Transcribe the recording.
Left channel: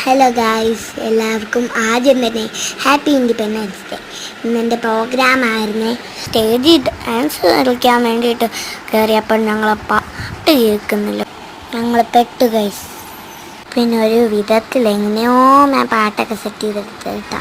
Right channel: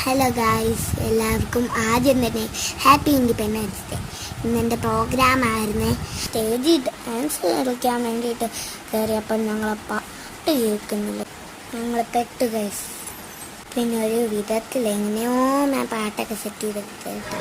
Hello guys, എല്ലാവർക്കും ആദ്യം തന്നെ ഹാപ്പി ഇൻഡിപെൻഡൻസ് ഡേ. ഇന്നെൻ്റെ പ്രോഗ്രാമായിരുന്നേ. സ്റ്റേജിൽ ഡാൻസ് കളിക്കാൻ വേണ്ടിയിട്ട് കയറിയപ്പോൾ ഞങ്ങൾ പാട്ട് കേൾക്കുന്നില്ല. ഞങ്ങൾ പെട്ടു ഗൈസ്. പിന്നെ ഒരു വിധത്തിൽ എങ്ങനെയോ ഞാൻ പാട്ടൊക്കെ സെറ്റ് ചെയ്തെടുത്ത് കേട്ടോ.